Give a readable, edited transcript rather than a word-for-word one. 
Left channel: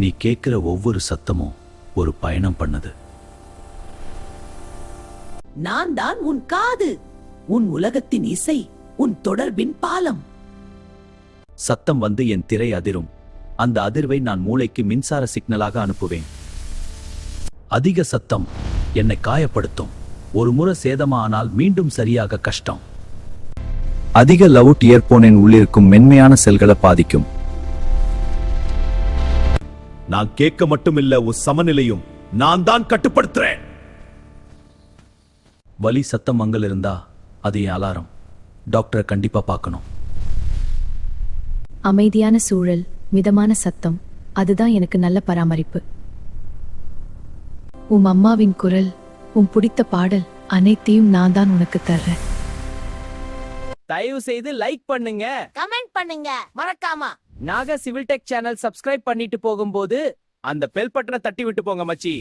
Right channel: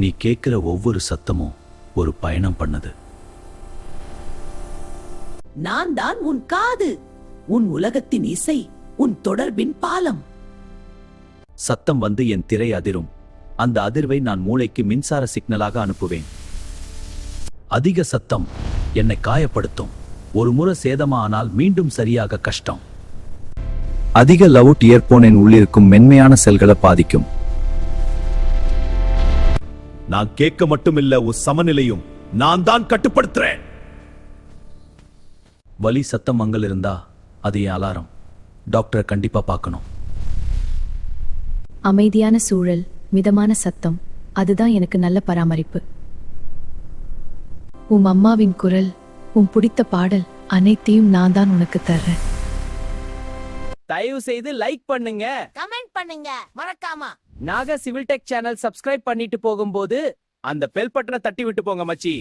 நீ கேட்கிற ஒவ்வொரு சத்தமும் ஒரு பயணம் பண்ணுது. நான் தான் உன் காது, உன் உலகத்தின் இசை, உன் தொடர்பின் பாலம். சத்தம் வந்து என் திரை அதிரும். அந்த அதிர்வை நான் மூளைக்கு மின்சார சிக்னலாக அனுப்புவேன். அதிக சத்தம் என்னை காயப்படுத்தும். ஒரு முறை சேதமானால் மீண்டும் சரியாக கஷ்டம். அதிக லவுட் இயர்போன் என் உள்ளிருக்கும் மென்மையான செல்களை பாதிக்கும். நான் கேட்க மட்டுமில்ல, ஒரு சமநிலையும் நான் தான் கட்டுப்படுத்துறேன். வலி சத்தம் அங்கள் இருந்தா அது என் அலாரம். டாக்டரை கண்டிப்பா பார்க்கணும். அமைதியான சூழல், மிதமான சத்தம், அதுதான் எனக்கு நல்ல பராமரிப்பு. உன் அம்மாவின் குரல், உன் பிடித்த பாடல், அனைத்தையும் நான் தான் உனக்கு தர்றேன். தயவு செய்து லைக் பண்ணுங்க, கமெண்ட் பண்ணுங்க, மறக்காம நாக சிவில் டெக் சேனல் சப்ஸ்கிரைப் பண்ணிட்டு போகும்போது அந்த பெல் பட்டனை தட்டி விட்டு போங்க மச்சி.